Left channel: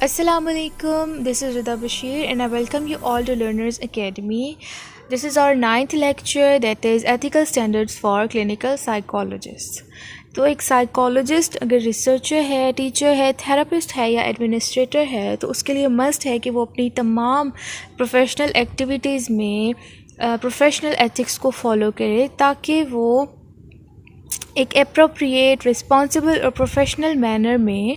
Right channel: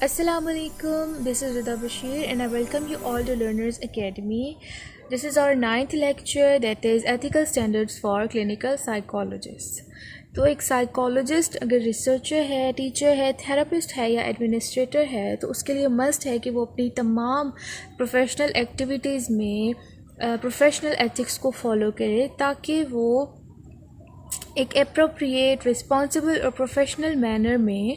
Assalamualaikum, this is Rida Bashir and I welcome you all to Learners Academy. This is our 9th lecture, that is Ethical Standards for Clinical Psychologists. तो एक psychologist अगर researcher है, teacher है, therapist है या administrator है तो उसके लिए मस्ट है कि वो अपनी तमाम प्रोफेशनल एक्टिविटीज़ में प्रोफेशनल एथिक्स को फॉलो करे ताकि वो एक एप्रोप्रिएट, रिस्पॉन्सिबल और प्रोफेशनल मैनर में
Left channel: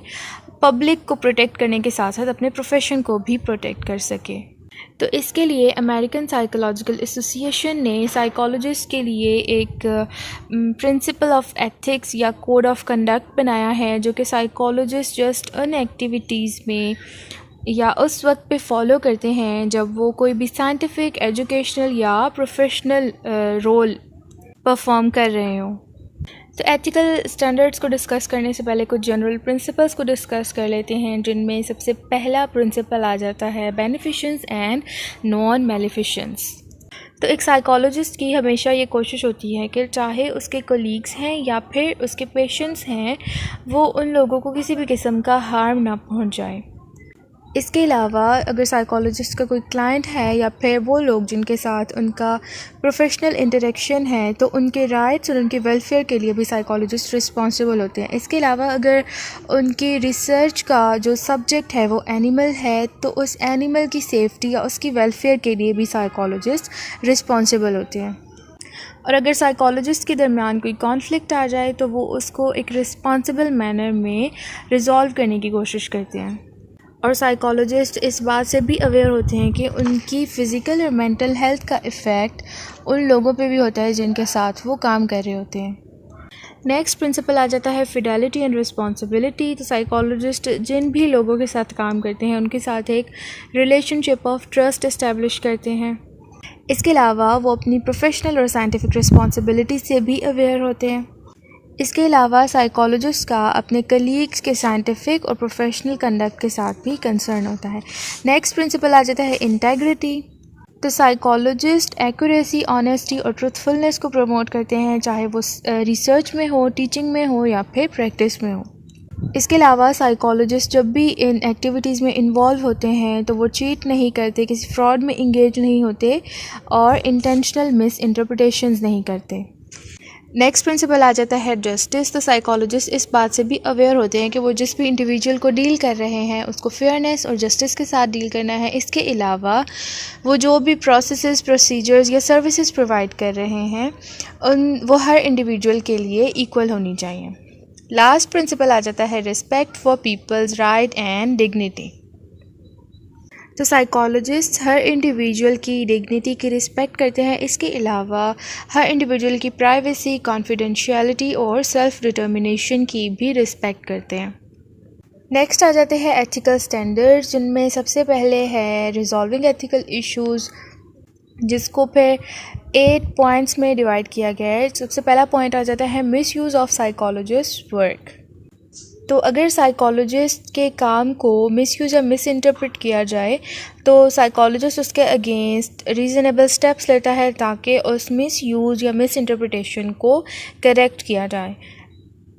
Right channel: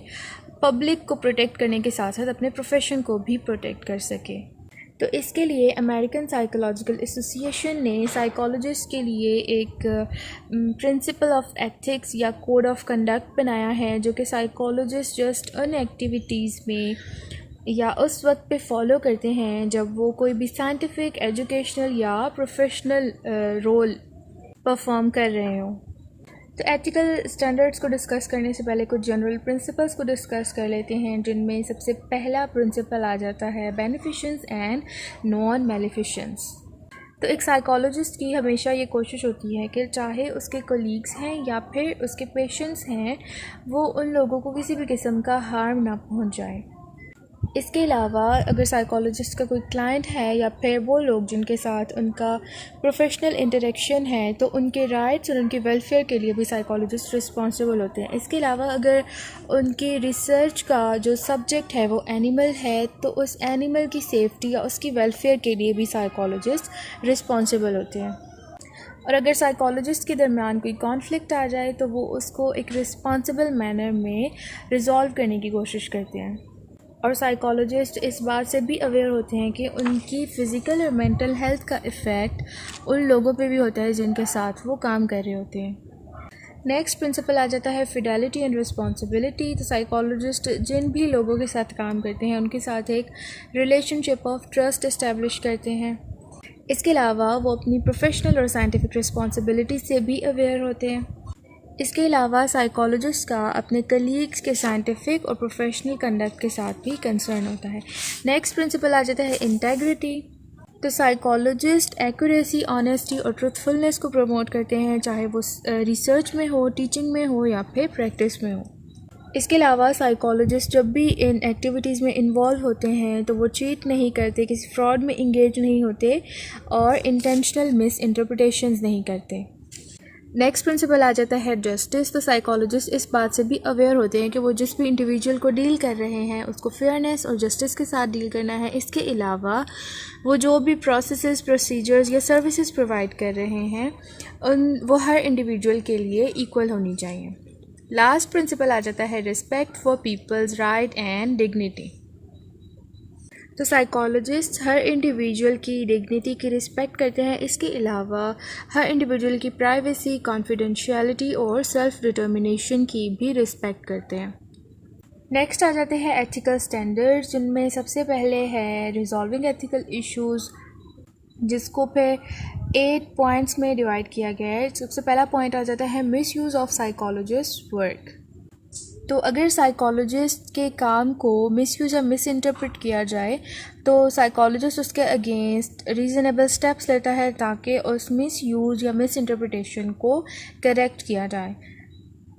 पब्लिक को प्रोटेक्ट करने के साथ साथ अपने प्रोफेशन को भी प्रोटेक्ट कर सके। तो इसके लिए अमेरिकन साइकोलॉजिकल एसोसिएशन ने साइकोलॉजिस्ट के लिए एक प्रिंसिपल ऑफ एथिक्स या कोड ऑफ कंडक्ट बनाया है जो कि साइकोलॉजिस्ट जस्ट उन एक्टिविटीज़ में या उस वक्त पे फॉलो करते हैं जब वो कोई भी साइंटिफिक, एजुकेशनल या प्रोफेशनल रोल परफॉर्म कर रहे हों। तो एथिकल स्टैंडर्ड्स को डिस्कस करने से पहले कुछ जनरल प्रिंसिपल्स को डिस्कस कर लेते हैं, जिनमें सबसे पहला प्रिंसिपल आ जाता है बेनिफिशंस एंड नॉन मेलिफिशंस। तो एक साइकोलॉजिस्ट की हमेशा ये कोशिश होती है कि चाहे उसके कोलीग्स हैं या फिर उसके पेशेंट्स हैं, वो उन लोगों को किसी भी किस्म का हार्म ना पहुंचाए। इसके अलावा अगर साइकोलॉजिस्ट का कोई क्लाइंट है या फिर वो लोग जिनके साथ उनका प्रोफेशनल इंटरेक्शन है तो उनके राइट्स और उनके वेलफेयर के लिए भी साइकोलॉजिस्ट रिस्पॉन्सिबल होते हैं। इसके अलावा अगर उनकी रिसर्च का जो सब्जेक्ट है वो एनिमल है तो उस एनिमल की सेफ्टी या उसकी वेलफेयर के लिए भी साइकोलॉजिस्ट रिस्पॉन्सिबल होते हैं। और अगर साइकोलॉजिस्ट के दरमियान कोई कॉन्फ्लिक्ट आ जाए तो वो उसको एक रिस्पॉन्सिबल मैनर में रिज़ॉल्व करने की कोशिश करते हैं। और साइकोलॉजिस्ट इस बात से भी अवेयर होते हैं कि उनकी फ़िज़िकल और मेंटल हेल्थ का इफ़ेक्ट उन लोगों पे भी होता है जिनके साथ वो काम कर रहे होते हैं। नेक्स्ट प्रिंसिपल आ जाता है फिडेलिटी एंड रिस्पॉन्सिबिलिटी। तो साइकोलॉजिस्ट जिन भी लोगों के साथ काम करते हैं उनके साथ एक रिलेशनशिप ऑफ ट्रस्ट इस्टेब्लिश करते हैं। इसके अलावा वो अपनी प्रोफेशनल और साइंटिफिक रिस्पॉन्सिबिलिटी से भी अवेयर होते हैं। इसके अलावा साइकोलॉजिस्ट का अपने कलीग्स के साइंटिफिक और प्रोफेशनल कंडक्ट के साथ भी कंसर्न होता है। नेक्स्ट प्रिंसिपल आ जाता है इंटेग्रिटी। तो साइकोलॉजिस्ट एक्यूरेसी, ऑनेस्टी और ट्रूथफुलनेस को प्रमोट करते हैं, चाहे वो रिसर्च में हो, टीचिंग में हो या फिर प्रैक्टिस में हो। इसके अलावा साइकोलॉजिस्ट जब भी इन एक्टिविटीज़ में इन्वॉल्व होते हैं तो वो चीट नहीं करते, किसी फ्रॉड में इंगेज नहीं होते और इंटेंशनल मिस इंटरप्रिटेशंस नहीं करते। नेक्स्ट प्रिंसिपल आ जाता है जस्टिस। तो साइकोलॉजिस्ट इस बात से भी अवेयर होते हैं कि वो जिस भी इंडिविजुअल को डील कर रहे हैं उसको फेयरनेस और जस्टिस के साथ डील करना है। इसके अलावा वो जो भी प्रोसेसेस, प्रोसीजर्स या सर्विसेज प्रोवाइड कर रहे हैं वो हर इंडिविजुअल के लिए इक्वल होनी चाहिए। लास्ट प्रिंसिपल आ जाता है respect for people's right and dignity. तो साइकोलॉजिस्ट हर इंडिविजुअल की डिग्निटी की रिस्पेक्ट करते हैं। इसके अलावा हर इंडिविजुअल की प्राइवेसी, कॉन्फिडेंशियलिटी और सेल्फ डिटर्मिनेशन की भी रिस्पेक्ट करते हैं। नेक्स्ट आ जाते हैं एथिकल स्टैंडर्ड्स, जिनमें सबसे पहले है रिजॉल्विंग एथिकल इश्यूज़, जिसको फिर 8 पॉइंट्स में डिवाइड किया गया है। सबसे पहला पॉइंट आ जाता है miss use of psychologist work. तो अगर साइकोलॉजिस्ट के काम को मिसयूज़ या मिस इंटरप्रेट किया जाए तो साइकोलॉजिस्ट उसके अगेंस्ट रीज़नेबल स्टेप्स लेता है ताकि उस मिसयूज़ या मिस इंटरप्रिटेशन को करेक्ट किया जाए।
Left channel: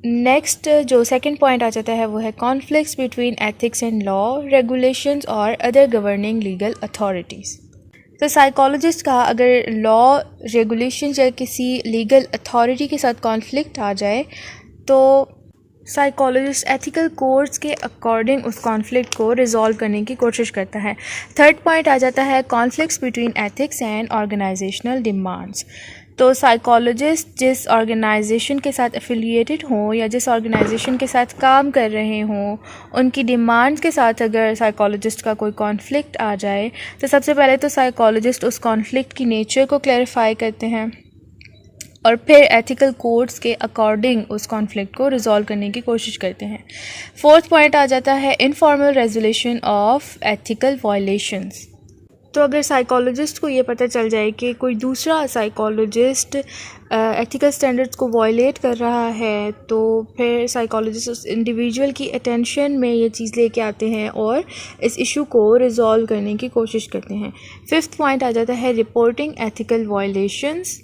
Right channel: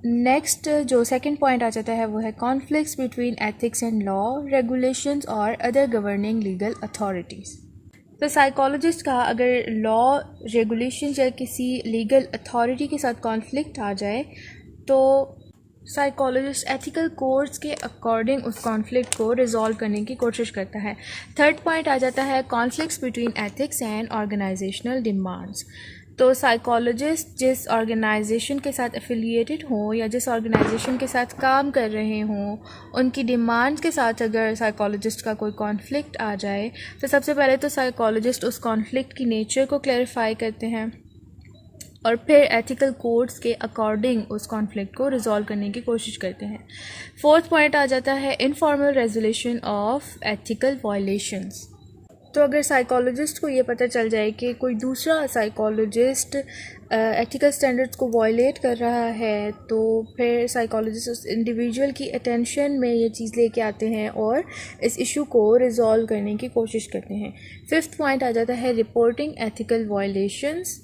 नेक्स्ट जो सेकंड पॉइंट आ जाता है वो है conflicts between ethics and law, regulations और अदर गवर्निंग लीगल अथॉरिटीज़। तो साइकोलॉजिस्ट का अगर लॉ, रेगुलेशंस या किसी लीगल अथॉरिटी के साथ कॉन्फ्लिक्ट आ जाए तो साइकोलॉजिस्ट एथिकल कोड्स के अकॉर्डिंग उस कॉन्फ्लिक्ट को रिजॉल्व करने की कोशिश करता है। थर्ड पॉइंट आ जाता है conflicts between ethics and organisational demands. तो साइकोलॉजिस्ट जिस ऑर्गेनाइजेशन के साथ एफिलिएटेड हों या जिस ऑर्गेनाइजेशन के साथ काम कर रहे हों, उनकी डिमांड्स के साथ अगर साइकोलॉजिस्ट का कोई कॉन्फ्लिक्ट आ जाए तो सबसे पहले तो साइकोलॉजिस्ट उस कॉन्फ्लिक्ट की नेचर को क्लैरिफाई करते हैं और फिर एथिकल कोड्स के अकॉर्डिंग उस कॉन्फ्लिक्ट को रिजॉल्व करने की कोशिश करते हैं। फोर्थ पॉइंट आ जाता है informal resolution of ethical violations. तो अगर साइकोलॉजिस्ट को ये पता चल जाए कि कोई दूसरा साइकोलॉजिस्ट एथिकल स्टैंडर्ड्स को वायलेट कर रहा है तो फिर साइकोलॉजिस्ट उस इंडिविजुअल की अटेंशन में ये चीज़ लेके आते हैं और इस इशू को रिजॉल्व करने की कोशिश करते हैं। फिफ्थ पॉइंट आ जाता है रिपोर्टिंग एथिकल वायलेशंस।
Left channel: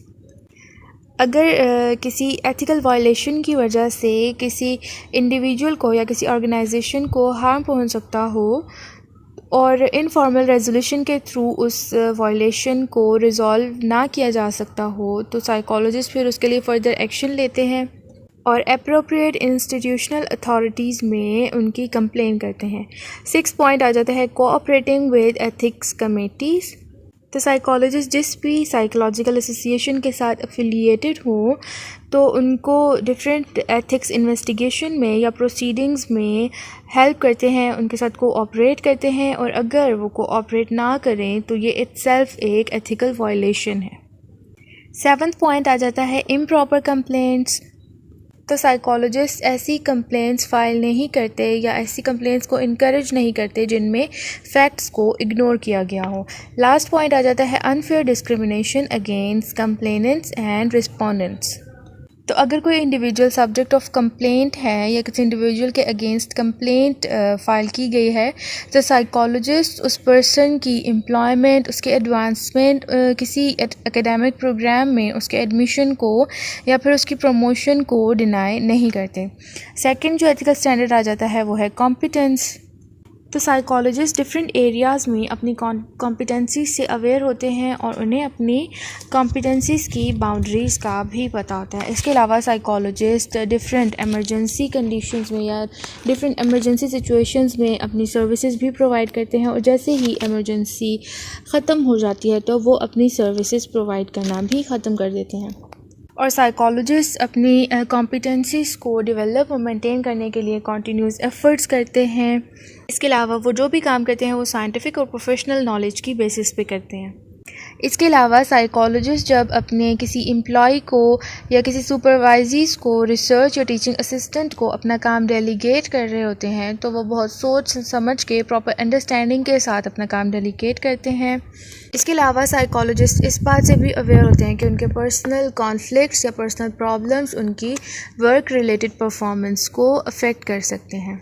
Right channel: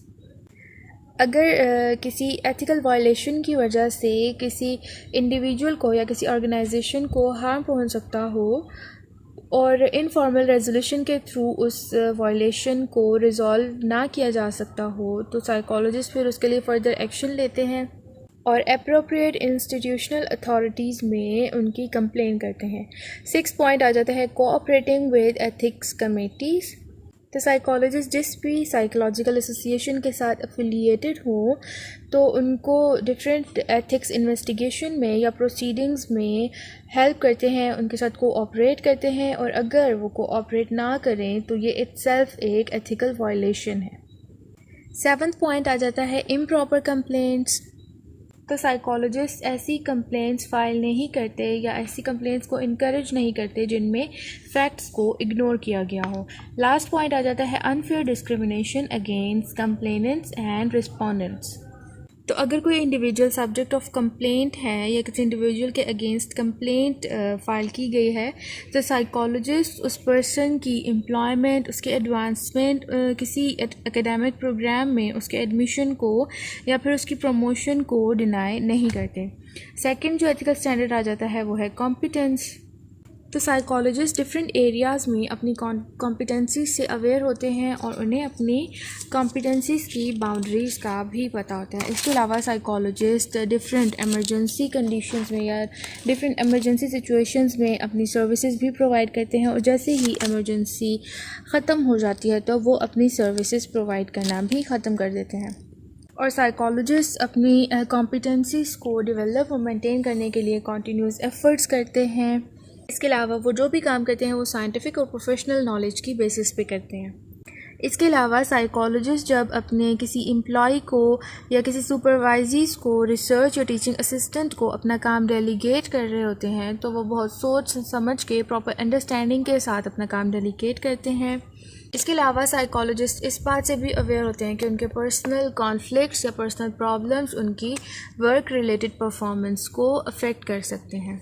अगर किसी एथिकल वायलेशन की वजह से किसी इंडिविजुअल को या किसी ऑर्गेनाइजेशन को हार्म पहुंच सकता हो और इनफॉर्मल रेजोल्यूशन के थ्रू उस वायलेशन को रिज़ॉल्व ना किया जा सकता हो तो साइकोलॉजिस्ट फिर उसके लिए फ़र्दर एक्शन लेते हैं और अप्रोप्रिएट इंस्टीट्यूशनल अथॉरिटीज़ में उनकी कंप्लेन करते हैं। 6 पॉइंट आ जाता है कोऑपरेटिंग विद एथिक्स कमेटीज़। तो साइकोलॉजिस्ट जिस भी साइकोलॉजिकल एसोसिएशन के साथ एफिलिएटेड हो तो उनको डिफरेंट एथिक्स इन्वेस्टिगेशन में या प्रोसीडिंग्स में हेल्प करते हैं, उनके साथ कोऑपरेट करते हैं और अगर वो कोऑपरेट ना करें तो ये इटसेल्फ एक एथिकल वायलेशन है। 7th पॉइंट आ जाता है इम्प्रॉपर कंप्लेंट्स। तो साइकोलॉजिस्ट ऐसी कंप्लेंट्स फाइल नहीं करते या ऐसी कंप्लेंट्स को इनकरेज नहीं करते जिनमें फैक्ट्स को इग्नोर किया गया हो। लास्ट पॉइंट आ जाता है unfair discrimination against complainants and respondents. तो अगर कोई इंडिविजुअल सब्जेक्ट ऑफ कंप्लेंट है या किसी इंडिविजुअल के अगेंस्ट कंप्लेंट फ़ाइल की गई है तो साइकोलॉजिस्ट उस पर्सन की एम्प्लॉयमेंट, उसके एडवांसमेंट किसी एकेडमिक प्रोग्राम में उसके एडमिशन को या फिर उसकी प्रमोशन को डिनाई नहीं करते। सेकंड जो एथिकल स्टैंडर्ड आ जाता है वो है कॉम्पिटेंस। तो साइकोलॉजिस्ट डिफरेंट एरियाज़ में अपनी कॉम्पिटेंसीज से अवेयर होते हैं और उन्हें अपनी कॉम्पिटेंसीज की बाउंड्रीज़ का भी पता होता है। इसके अलावा साइकोलॉजिस्ट डिफरेंट एमरजेंसी कंडीशंस में या डिफरेंट एमरजेंसी सिचुएशंस में अपनी सर्विसेज भी प्रोवाइड करते हैं और जैसे ही एमरजेंसी ख़त्म हो जाती है तो वो अपनी सर्विसेज प्रोवाइड करना भी ख़त्म कर देते हैं। और साइकोलॉजिस्ट अपनी कॉम्पिटेंसीज़ को डेवलप और मेंटेन करने के लिए कंटिन्यूस एफ़र्ट्स करते हैं। इसके अलावा वो जो भी काम करते हैं वो साइंटिफिक और प्रोफेशनल नॉलेज की बेसिस पे करते हैं। इसके अलावा साइकोलॉजिस्ट जब अपने किसी एम्प्लॉय को या किसी सुपरवाइज़र्स को, रिसर्च या टीचिंग असिस्टेंट को अपना काम डेलीगेट कर रहे होते हैं तो वो बहुत सोच समझ के प्रॉपर अंडरस्टैंडिंग के साथ अपना काम डेलीगेट करते हैं। इसके अलावा साइकोलॉजिस्ट इस बात से भी अवेयर होते हैं कि उनके पर्सनल कॉन्फ्लिक्ट्स या पर्सनल प्रॉब्लम्स उनकी वर्क रिलेटेड परफॉर्मेंस को अफेक्ट कर सकते हैं।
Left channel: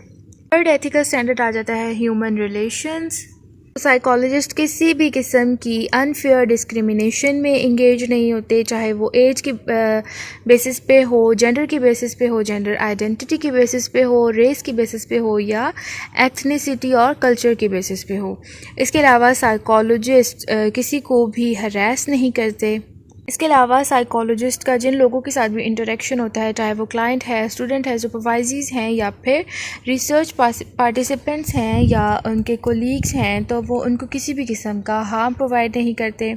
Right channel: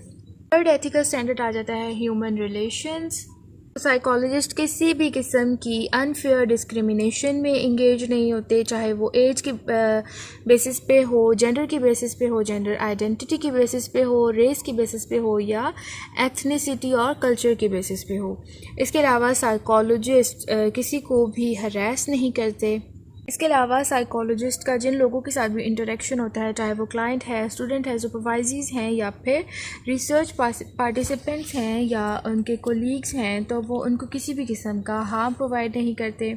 थर्ड एथिकल स्टैंडर्ड आ जाता है ह्यूमन रिलेशंस। साइकोलॉजिस्ट किसी भी किस्म की अनफेयर डिस्क्रिमिनेशन में इंगेज नहीं होते, चाहे वो एज के बेसिस पे हो, जेंडर की बेसिस पे हो, जेंडर आइडेंटिटी की बेसिस पे हो, रेस की बेसिस पे हो या एथनिसिटी और कल्चर की बेसिस पे हो। इसके अलावा साइकोलॉजिस्ट किसी को भी हरास नहीं करते। इसके अलावा साइकोलॉजिस्ट का जिन लोगों के साथ भी इंटरेक्शन होता है, चाहे वो क्लाइंट है, स्टूडेंट है, सुपरवाइजर्स हैं या फिर रिसर्च पार्टिसिपेंट्स हैं या उनके कोलीग्स हैं, तो वो उनको किसी भी किस्म का हार्म प्रोवाइड नहीं करते।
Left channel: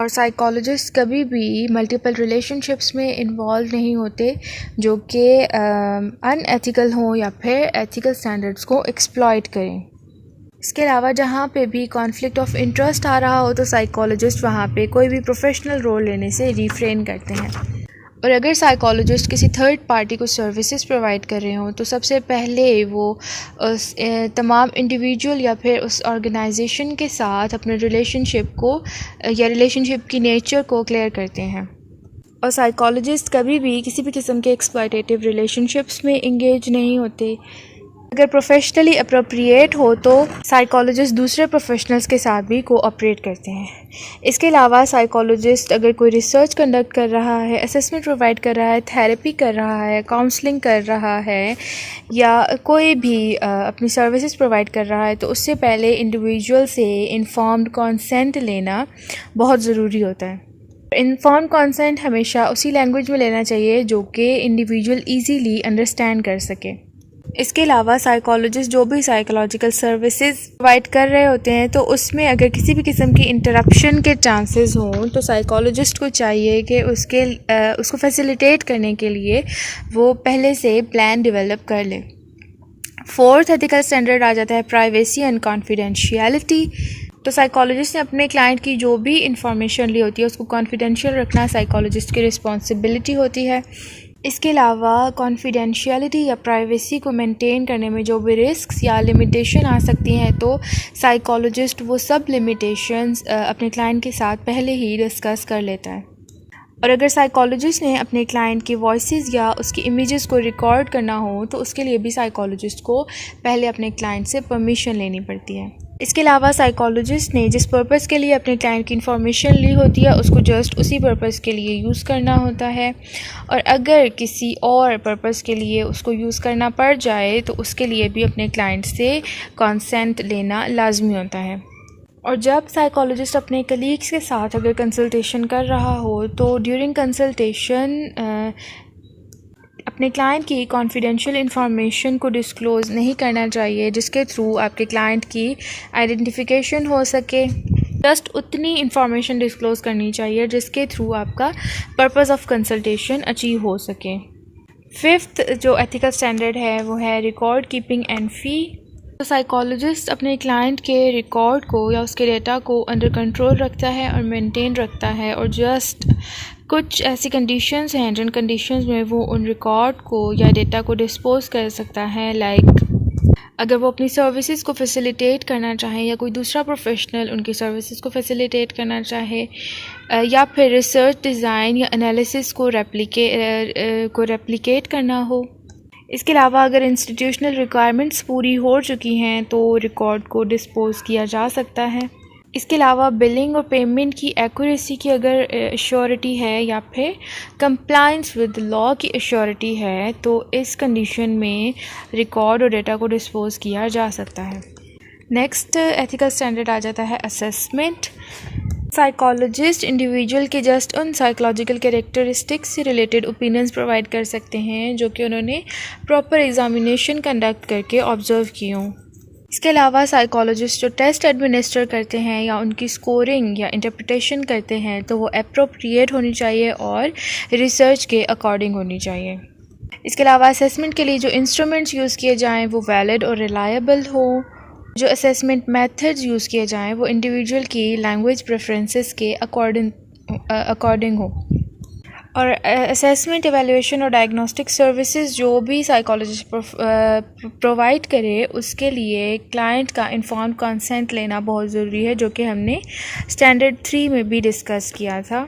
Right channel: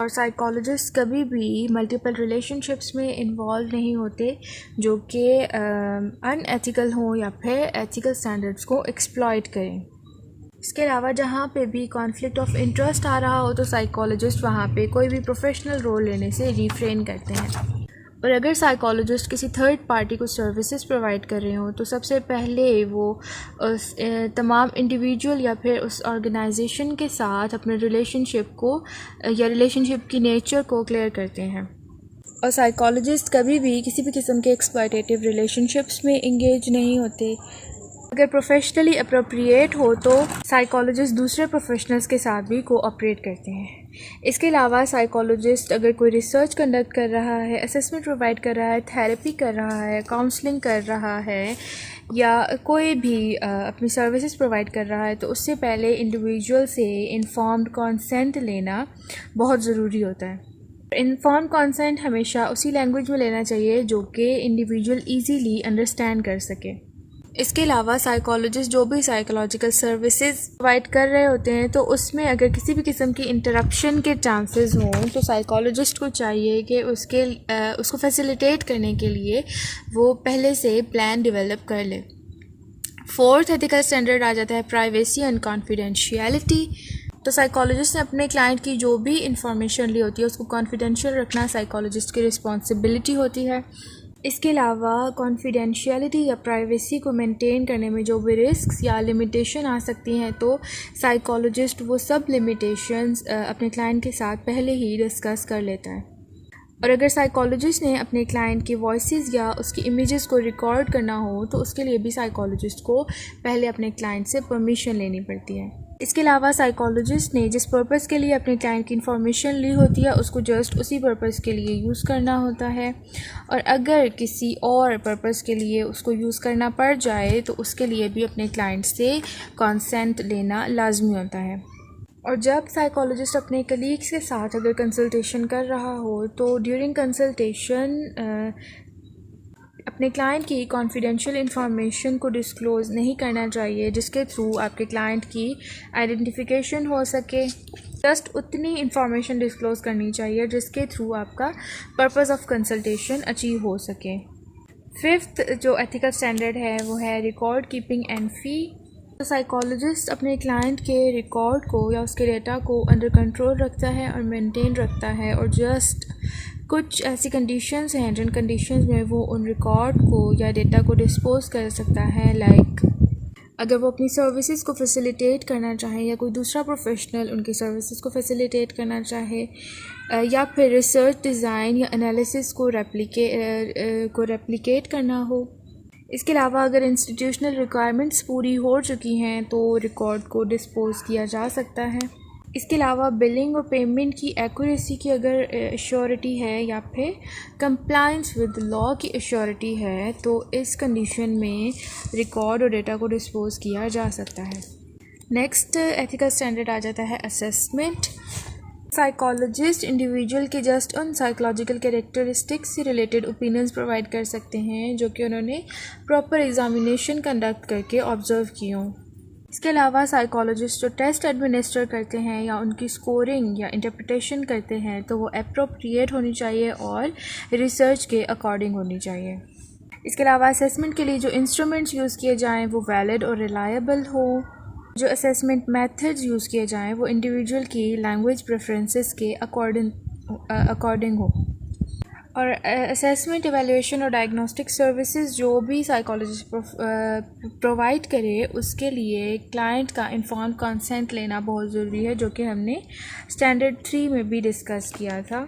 और साइकोलॉजिस्ट कभी भी मल्टीपल रिलेशनशिप्स में इन्वॉल्व नहीं होते जो कि अनएथिकल हों या फिर एथिकल स्टैंडर्ड्स को एक्सप्लॉइट करें। इसके अलावा जहाँ पे भी कॉन्फ्लिक्ट ऑफ इंटरेस्ट आ रहा हो तो साइकोलॉजिस्ट वहाँ पे कोई भी प्रोफेशनल रोल लेने से रिफ्रेन करते हैं। और अगर साइकोलॉजिस्ट किसी थर्ड पार्टी को सर्विसेज प्रोवाइड कर रहे हों तो सबसे पहले वो उस तमाम इंडिविजुअल या फिर उस ऑर्गेनाइजेशन के साथ अपने रिलेशनशिप को या रिलेशनशिप की नेचर को क्लियर करते हैं। और साइकोलॉजिस्ट कभी भी किसी भी किस्म के एक्सप्लॉयटेटिव रिलेशनशिप्स में इंगेज नहीं होते। अगर प्रोफेशनली अप्रोप्रिएट हो तो साइकोलॉजिस्ट दूसरे प्रोफेशनल्स के साथ भी कोऑपरेट करते हैं। इसके अलावा साइकोलॉजिस्ट अगर कोई रिसर्च कंडक्ट कर रहा है, असेसमेंट प्रोवाइड कर रहा है, थेरेपी कर रहा है, काउंसलिंग कर रहा है या कोई भी अपनी सर्विसेज प्रोवाइड कर रहा है तो उससे पहले इंडिविजुअल से इन्फॉर्म्ड कंसेंट लेना बहुत ज़रूरी होता है। इन्फॉर्म्ड कंसेंट हमेशा उसी लैंग्वेज में लेना चाहिए जो कि इंडिविजुअल ईजीली अंडरस्टैंड कर सके। इसके अलावा साइकोलॉजिस्ट जो भी साइकोलॉजिकल सर्विसेज प्रोवाइड कर रहे होते हैं तो उसमें अगर किसी भी किस्म की इंटरप्शन के चांसेस हों तो साइकोलॉजिस्ट को चाहिए कि उसको फैसिलिटेट करने के लिए वो पहले से प्लान डेवलप कर ले। फोर्थ एथिकल स्टैंडर्ड आ जाता है प्राइवेसी एंड कॉन्फिडेंशियलिटी। तो साइकोलॉजिस्ट ने अपने क्लाइंट की जो भी इंफॉर्मेशन ली होती है उसको कॉन्फिडेंशियल रखना साइकोलॉजिस्ट की रिस्पॉन्सिबिलिटी होती है। इसके अलावा कॉन्फिडेंशियलिटी या प्राइवेसी को मेंटेन करने में जो भी रिस्क्स या लिमिटेशन आ सकती हैं तो साइकोलॉजिस्ट वो सब लिमिटेशंस अपने क्लाइंट के साथ पहले ही डिस्कस कर लेता है। और अगर साइकोलॉजिस्ट ने अपने क्लाइंट की वॉइसेस या उसकी इमेजेस को रिकॉर्ड करना हो तो उसके लिए भी साइकोलॉजिस्ट को पहले अपने क्लाइंट से परमिशन लेनी पड़ती है। इसके अलावा साइकोलॉजिस्ट ने जिस पर्पस के लिए अपने क्लाइंट की इन्फॉर्मेशन ली होती है उसको जस्ट उसी पर्पस के लिए यूज़ करना होता है, और अगर किसी और पर्पस के लिए उसको यूज़ करना पड़ जाए तो उसके लिए भी अपने क्लाइंट से कंसेंट लेना लाजमी होता है। और जब साइकोलॉजिस्ट अपने कलीग्स के साथ अगर कंसल्टेशन कर रहा हो तो ड्यूरिंग कंसल्टेशन अपने क्लाइंट की कॉन्फिडेंशियल इंफॉर्मेशन को डिस्क्लोज़ नहीं करना चाहिए जिसके थ्रू आपके क्लाइंट की आइडेंटिफिकेशन हो सके। जस्ट उतनी इंफॉर्मेशन डिस्क्लोज़ करनी चाहिए जिसके थ्रू आपका पर्पस ऑफ कंसल्टेशन अचीव हो सके। फिफ्थ जो एथिकल स्टैंडर्ड है वो है रिकॉर्ड कीपिंग एंड फी। तो साइकोलॉजिस्ट अपने क्लाइंट के रिकॉर्ड को या उसके डेटा को अंडर कंट्रोल रखता है और मेंटेन रखता है, और जस्ट कुछ ऐसी कंडीशंस हैं जिन कंडीशंस में वो उन रिकॉर्ड को या डेटा को डिस्पोज कर सकता है। लाइक अगर वो अपनी सर्विसेज को फैसिलिटेट करना चाहे या कोई दूसरा प्रोफेशनल उनकी सर्विसेज को फैसिलिटेट करना चाहे, या फिर रिसर्च डिज़ाइन या एनालिसिस को रेप्लिकेट करना हो। इसके अलावा अगर इंस्टीट्यूशनल रिक्वायरमेंट्स पूरी हो चुकी हैं तो रिकॉर्ड को डिस्पोज किया जा सकता है। इसके अलावा बिलिंग और पेमेंट की एक्यूरेसी की अगर एश्योरिटी है या फिर कंप्लायंस विद लॉ की एश्योरिटी है तो इस कंडीशन में रिकॉर्ड और डेटा को डिस्पोज किया जा सकता है। नेक्स्ट एथिकल स्टैंडर्ड आ जाता है असेसमेंट। साइकोलॉजिस्ट इंडिविजुअल के जस्ट उन साइकोलॉजिकल कैरेक्टरिस्टिक्स से रिलेटेड ओपिनियंस प्रोवाइड कर सकते हैं जो कि उन्होंने प्रॉपर एग्जामिनेशन कंडक्ट करके ऑब्जर्व किए हों। इसके अलावा साइकोलॉजिस्ट जो टेस्ट एडमिनिस्टर करते हैं या उनकी स्कोरिंग या इंटरप्रिटेशन करते हैं तो वो एप्रोप्रिएट होनी चाहिए और रिसर्च के अकॉर्डिंग होनी चाहिए। इसके अलावा असेसमेंट के लिए जो इंस्ट्रूमेंट्स यूज़ किए जाएं वो वैलिड और रिलायबल हो। जो असेसमेंट मेथड्स यूज़ किए जाएं वो इंडिविजुअल की लैंग्वेज प्रेफरेंसेस के अकॉर्डिंग हो। और असेसमेंट, एवेल्यूएशन और डायग्नोस्टिक सर्विसेज जो भी साइकोलॉजिस्ट प्रोवाइड करे उसके लिए क्लाइंट का इन्फॉर्म्ड कंसेंट लेना बहुत ज़रूरी है, जो कि हमने स्टैंडर्ड 3 में भी डिस्कस किया था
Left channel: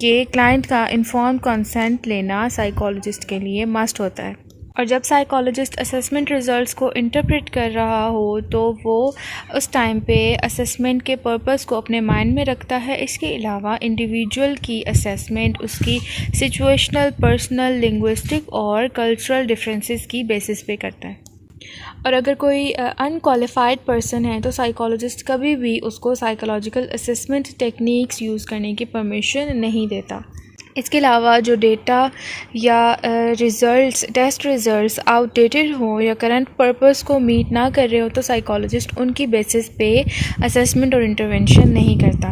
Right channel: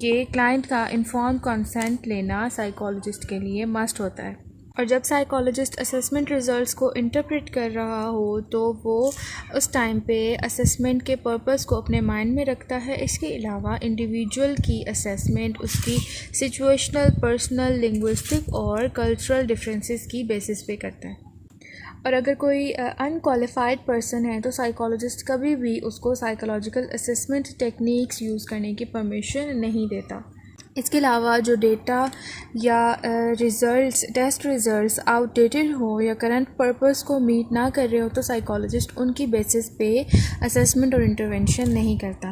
कि क्लाइंट का इन्फॉर्म्ड कंसेंट लेना साइकोलॉजिस्ट के लिए मस्ट होता है। और जब साइकोलॉजिस्ट असेसमेंट रिज़ल्ट्स को इंटरप्रेट कर रहा हो तो वो उस टाइम पे असेसमेंट के पर्पस को अपने माइंड में रखता है। इसके अलावा इंडिविजुअल की असेसमेंट उसकी सिचुएशनल, पर्सनल, लिंग्विस्टिक और कल्चरल डिफरेंसेस की बेसिस पे करता है। और अगर कोई अनक्वालिफाइड पर्सन है तो साइकोलॉजिस्ट कभी भी उसको साइकोलॉजिकल असेसमेंट टेक्निक्स यूज़ करने की परमिशन नहीं देता। इसके अलावा जो डेटा या टेस्ट रिज़ल्ट्स आउटडेटेड हो या करंट पर्पस को मीट ना कर रहे हो तो साइकोलॉजिस्ट उनकी बेसिस पे असेसमेंट और इंटरवेंशन नहीं करता।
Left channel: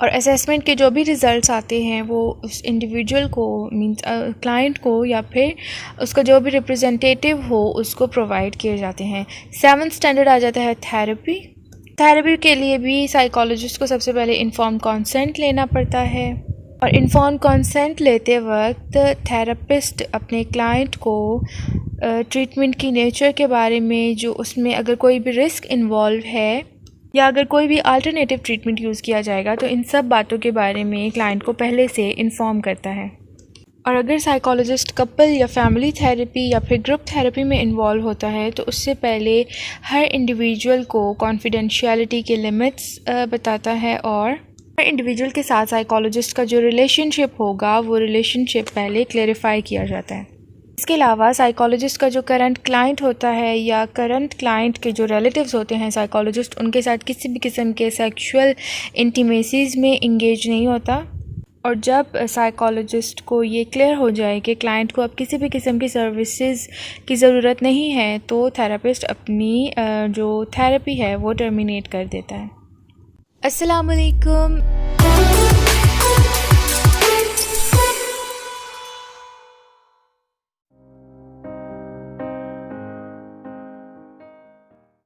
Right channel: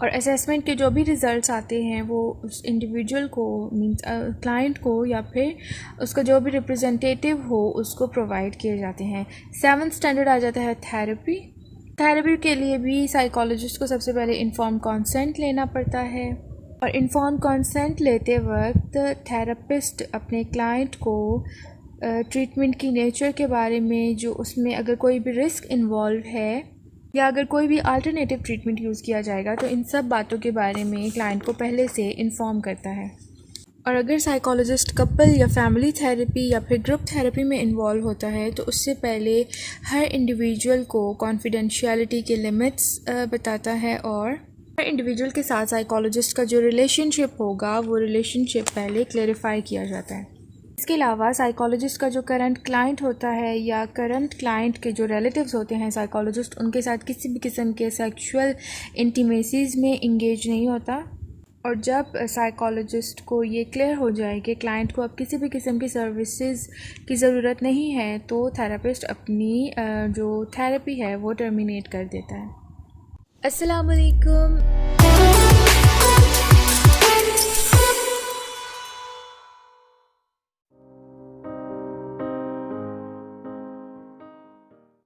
और असेसमेंट के जो भी रिज़ल्ट्स आते हैं वो उस इंडिविजुअल को मींस क्लाइंट को या फिर उसका जो भी रिप्रेजेंटेटिव हो उसको प्रोवाइड किए जाते हैं। 7th स्टैंडर्ड आ जाता है थेरेपी के लिए भी साइकोलॉजिस्ट को सबसे पहले इन्फॉर्म्ड कंसेंट लेना पड़ता है। और इन्फॉर्म्ड कंसेंट लेते वक्त थेरेपिस्ट अपने क्लाइंट को ट्रीटमेंट की नेचर के बारे में, जो उसमें अगर कोई भी रिस्क इन्वॉल्व है या अगर कोई भी अल्टरनेटिव ट्रीटमेंट यूज़ किया जाएगा तो इन सब बातों के बारे में क्लाइंट को पहले से इन्फॉर्म करता है। और अगर साइकोलॉजिस्ट कपल या फैमिली थेरेपी या फिर ग्रुप थेरेपी में इन्वॉल्व होता है तो उससे पहले हर इंडिविजुअल को कॉन्फिडेंशियलिटी के लिमिट्स बताता है और इंडिविजुअल के साथ साइकोलॉजिस्ट का जो रिलेशनशिप होगा वो रिलेशनशिप पहले क्लेरिफाई किया जाता है। इसके अलावा साइकोलॉजिस्ट का जो करंट क्लाइंट होता है या करंट क्लाइंट के जो रिलेटिव्स होते हैं साइकोलॉजिस्ट उनके साथ किसी भी किस्म के सेक्सुअल इंटीमेसीज में इंगेज नहीं होता। और जब साइकोलॉजिस्ट को ये क्लियर हो जाए कि क्लाइंट को अब किसी भी किस्म की सर्विसेज की ज़रूरत नहीं है तो थेरेपिस्ट अपनी जो थेरेपी है वो टर्मिनेट कर देता है। अस्सलाम वालेकुम।